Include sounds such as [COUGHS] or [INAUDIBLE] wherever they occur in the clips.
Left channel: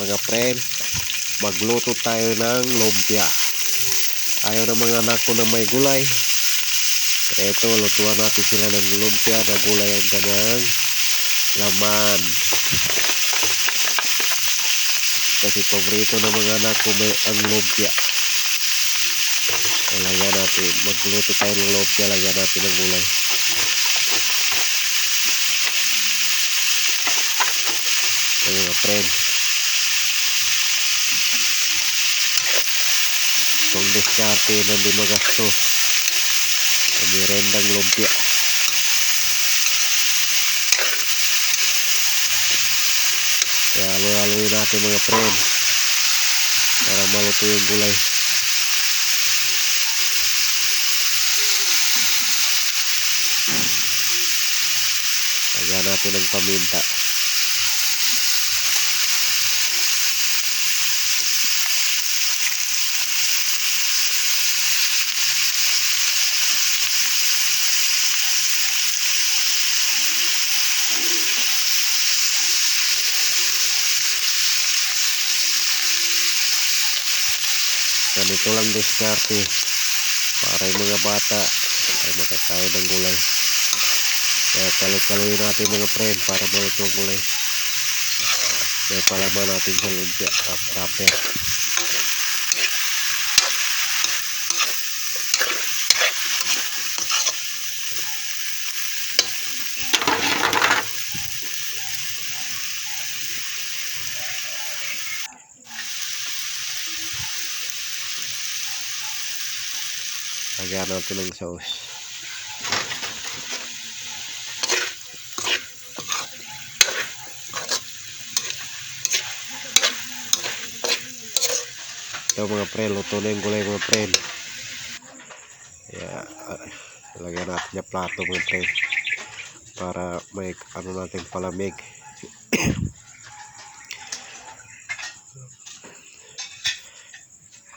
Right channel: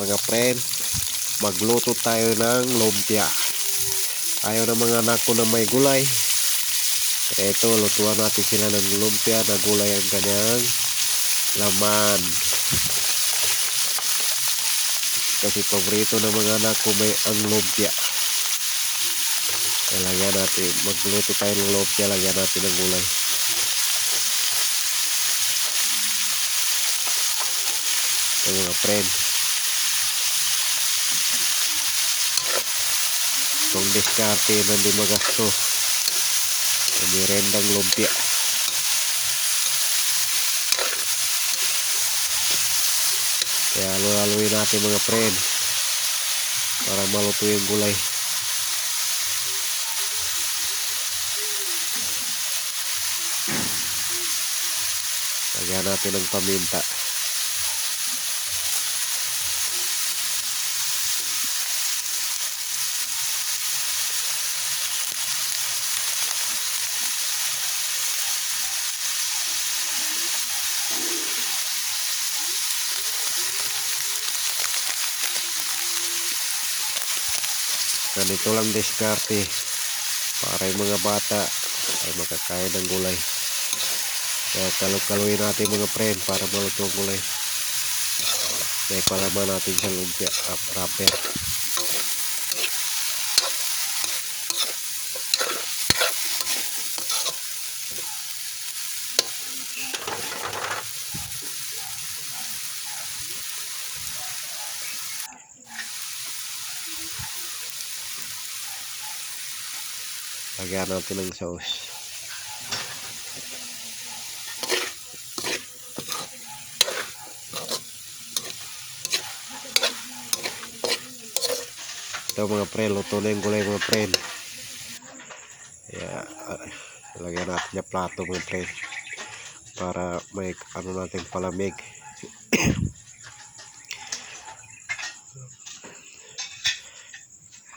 mga friend magluto tayo ng lumpia. Ayaw ng mga anak ko na may gulay. Ito lutuan natin sila ng lumpia na gulay ang kanyang laman. Kasi paborito ng mga anak ko may ang lumpia. Kaya lagyan natin. Magluto tayo ng lumpia lagyan natin ng gulay. Mga friend itong diskarte na hindi magasto. Sa merendang lumpia. Kaya halo-haloin natin mga friend para maluto yung gulay. Lagyan natin ng paminta ganito lang diskarte para yung mga bata ay makakain ng gulay. Kaya kalog-kaluin natin mga friend para maluto ang gulay. Kaya palaman natin sa lumpia uh, wrapper lagyan natin ng sauce ito mga pre luto na yung gulay mga pre uh, lagyan natin yung plato mga pre para may ano natin palamig. [COUGHS]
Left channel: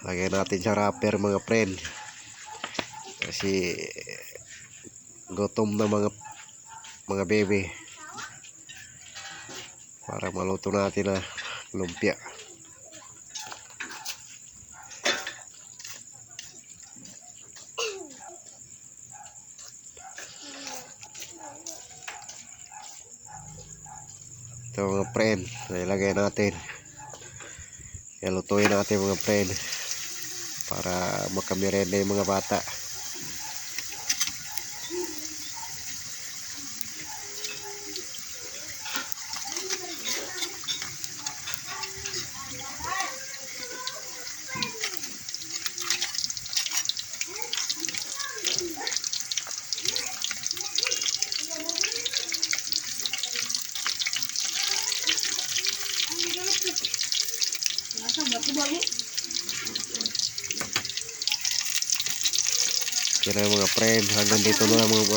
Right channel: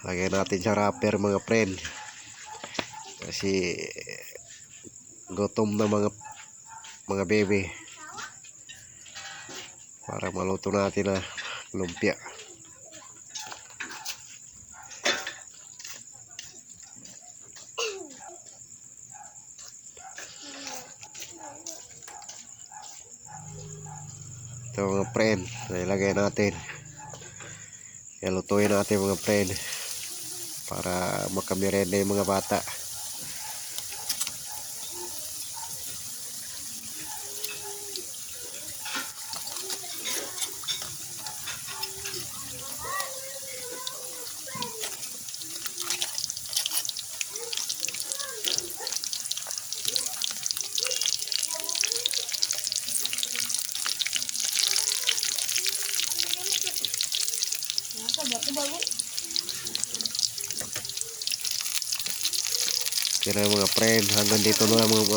Lagyan natin sa wrapper mga friend kasi gutom na mga mga bebe. Para maluto natin na lumpia ito mga friend ilagay natin ilutuin natin mga friend para makamirenda yung mga bata Kaya mga friend, hanggang dito na lang mga